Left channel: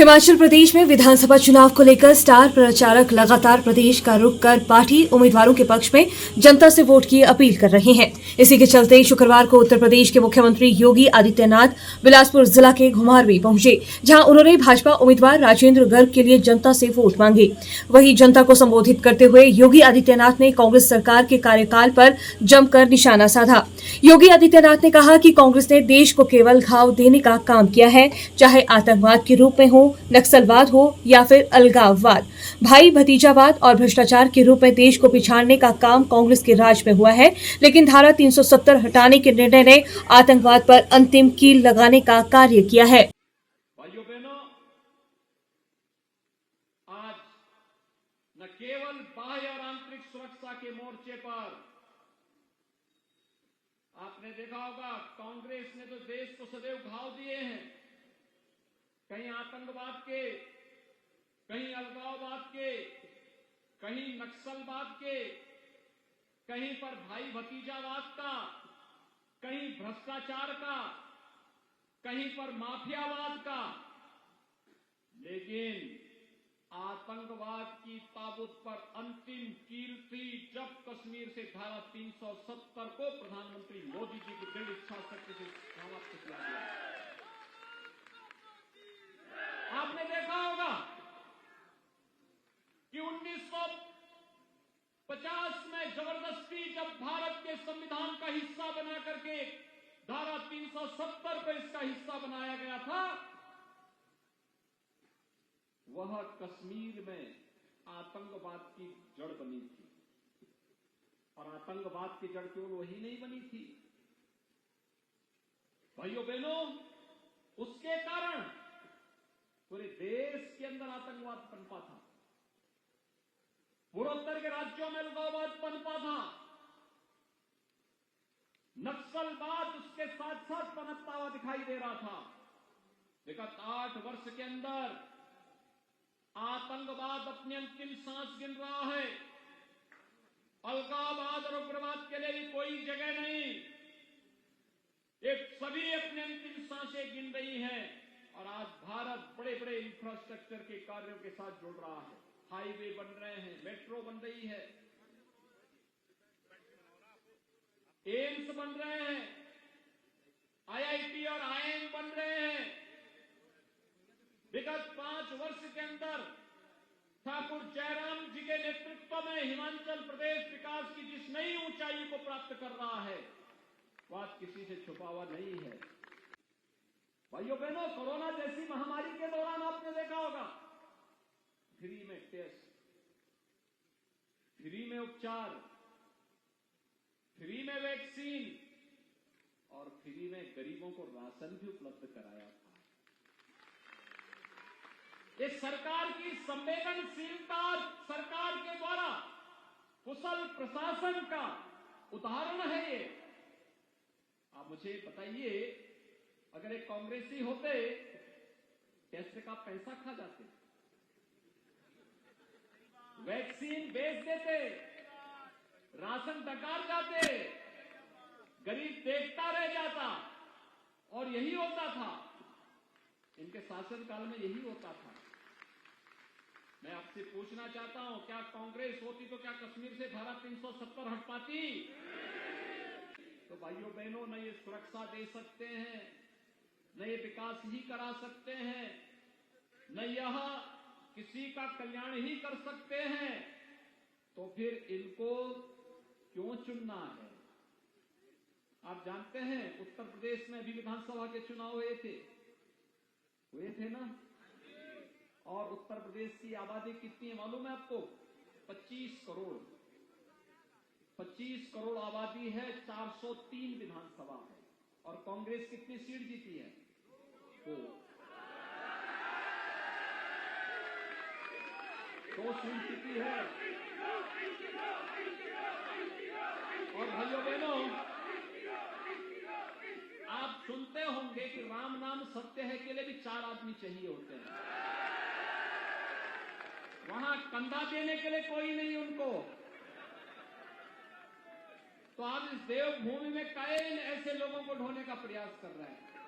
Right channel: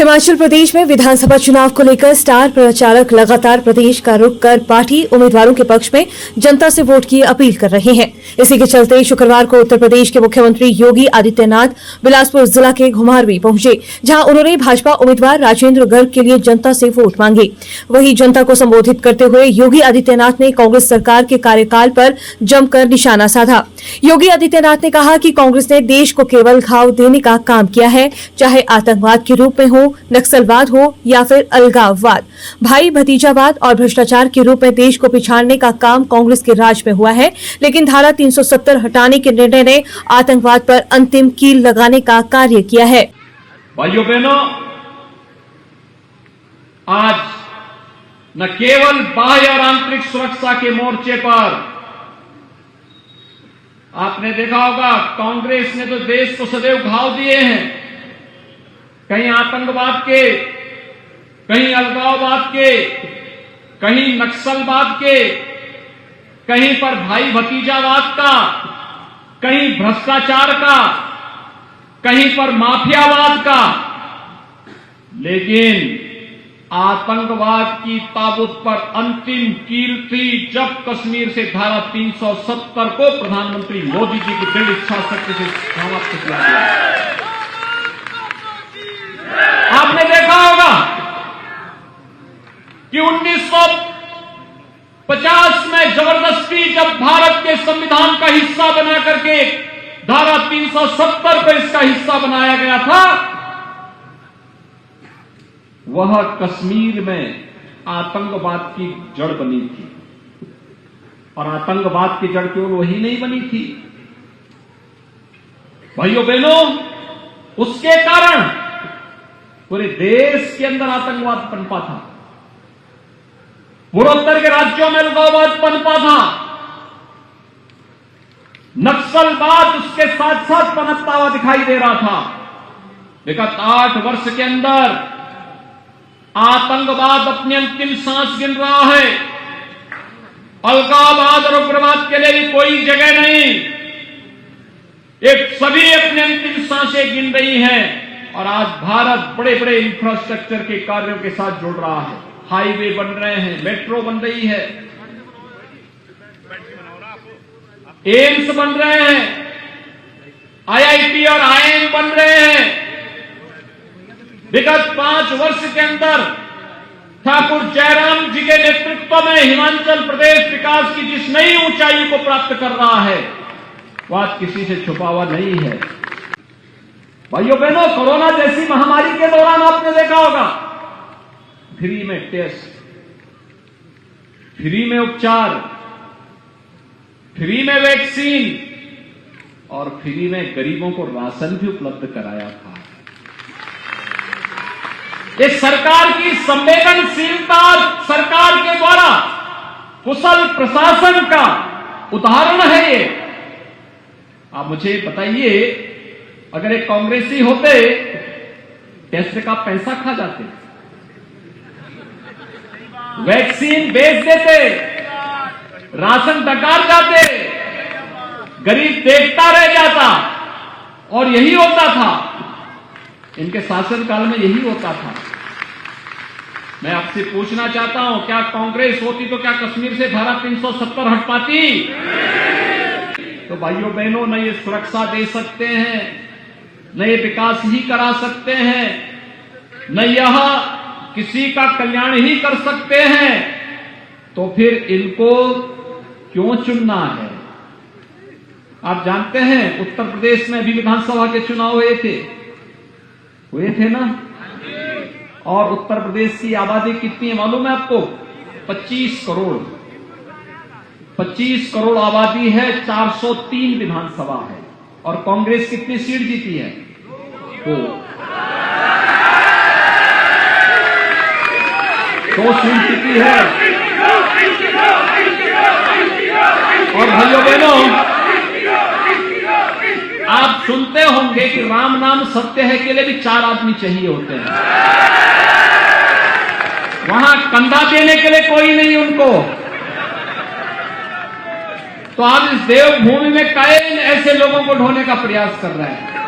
हिमाचल प्रदेश में विधानसभा चुनाव को लेकर स्टार प्रचारक लगातार प्रदेश का रुख कर पार्टी उम्मीदवारों के पक्ष में जनता से वोट की अपील कर रहे हैं। इसी के चलते शुक्रवार को उत्तर प्रदेश के मुख्यमंत्री योगी आदित्यनाथ बिलासपुर जिला के घुमारवीं पहुंचे, जहां उन्होंने भाजपा उम्मीदवार राजेंद्र गर्ग के लिए जनता से वोट मांगे। वहीं जनता को संबोधित करते हुए योगी आदित्यनाथ ने कांग्रेस सरकार के कार्यकाल पर जमकर निशाना साधा। योगी आदित्यनाथ ने कहा कि कांग्रेस ने देश को केवल घाव देने का काम किया है, चाहे आतंकवाद के रूप में हो, नक्सलवाद हो या फिर अलगाववाद, भाई भतीजावाद और भ्रष्टाचार के रूप में देश को पिछाड़ने का काम कांग्रेस के राज में हुआ है। लेकिन धारा 370 हटाने के निर्णय ने आतंकवाद पर अंतिम कील लगाने का कार्य किया है। भाइयों बहनों, आज न केवल बाह्य और आंतरिक सुरक्षा के मोर्चे पर आपने देखा होगा, कांग्रेस ने तो देश को सदैव घाव दिए हैं। कहीं आतंकवाद के, कहीं अलगाववाद के, कहीं नक्सलवाद के, कहीं पर भाई भतीजावाद का, कहीं भ्रष्टाचार का, कहीं पर माफियावाद का। लेकिन आतंकवाद की ताबूत पर अंतिम कील थी जब कश्मीर से धारा 370 को प्रधानमंत्री मोदी जी की दृढ़ इच्छा शक्ति से समाप्त किया गया। आपने देखा होगा कि 1950 में जबरदस्ती जब भारत के संविधान का हिस्सा बना करके धारा 370 पर इसका हिस्सा बनाया गया था, वह कश्मीर में आतंकवाद की जड़ बनी थी। और आतंकवाद की जड़ केवल वही नहीं बनी थी भाइयों बहनों, उसके कारण पूरे देश के अंदर आतंकवाद पनपा था, पूर्वोत्तर के राज्यों में अलगाववाद पनपा था, नक्सलवाद उसके साथ साथ पनपता हुआ दिखाई दे रहा था। विगत 8 वर्ष के अंदर आतंकवाद अपनी अंतिम सांस गिन रहा है। अलगाववाद और उग्रवाद के लिए भी कोई जगह नहीं, एक सभी अपनी अंतिम सांसें गिन रही हैं। और आज भारत बड़े बड़े इंफ्रास्ट्रक्चर के कार्यों के साथ जुड़ रहा है। हाईवे बन रहे हैं, मेट्रो बन रही है, एम्स बन रहे हैं, आईआईटी और आईआईएम बन रहे हैं। विगत 5 वर्ष के अंदर ठाकुर जयराम जी के नेतृत्व में हिमाचल प्रदेश विकास की जिस नई ऊंचाई को प्राप्त कर रहा है, वह आज किसी से छुपा हुआ नहीं है। भाइयों बहनों, कोरोना जैसी महामारी के दौरान आपने देखा होगा, फ्री में टेस्ट, फ्री में उपचार, फ्री में वैक्सीन और फ्री में गरीबों को राशन भी उपलब्ध कराया था। ये सरकार की संवेदनशीलता, सरकार के द्वारा कुशल प्रशासन का उदाहरण है ये। आप मुझे बताइए, अगर एक कांग्रेसी होते टेस्ट का पैसा खा जाते, वैक्सीन बेच देते, राशन डकार जाते, गरीब देखता रह जाता, और यही होता था इनके शासनकाल में, यही होता था। मैं आपसे पूछना चाहता हूं, क्या कांग्रेस होती तो क्या कश्मीर से धारा 370 हट पाती? तो भाइयों बहनों, न ये सुरक्षा दे सकते हैं, न ये विकास ही करा सकते हैं, न यह किसी का कल्याण ही कर सकते हैं, तो फिर इनको क्यों चुनना है? आप जानते हैं, उत्तर प्रदेश में भी विधानसभा के चुनाव हुए थे ना? और उत्तर प्रदेश की आबादी कितनी है मालूम है आपको? 25 करोड़। 25 करोड़ आबादी है, 403 विधानसभा है। और कांग्रेस कितनी सीट जीती है? 2 सीट जीती है। और भाइयों बहनों, आप सुनते होंगे कि राम नाम सत्य है के लिए भी 4 आदमी चाहिए होते हैं। वहां कंधा देने के लिए कोई नहीं उनको। तो आज इस देवभूमि में कायन ऐसे लोगों को ढोने का प्रयास कर रहे हैं।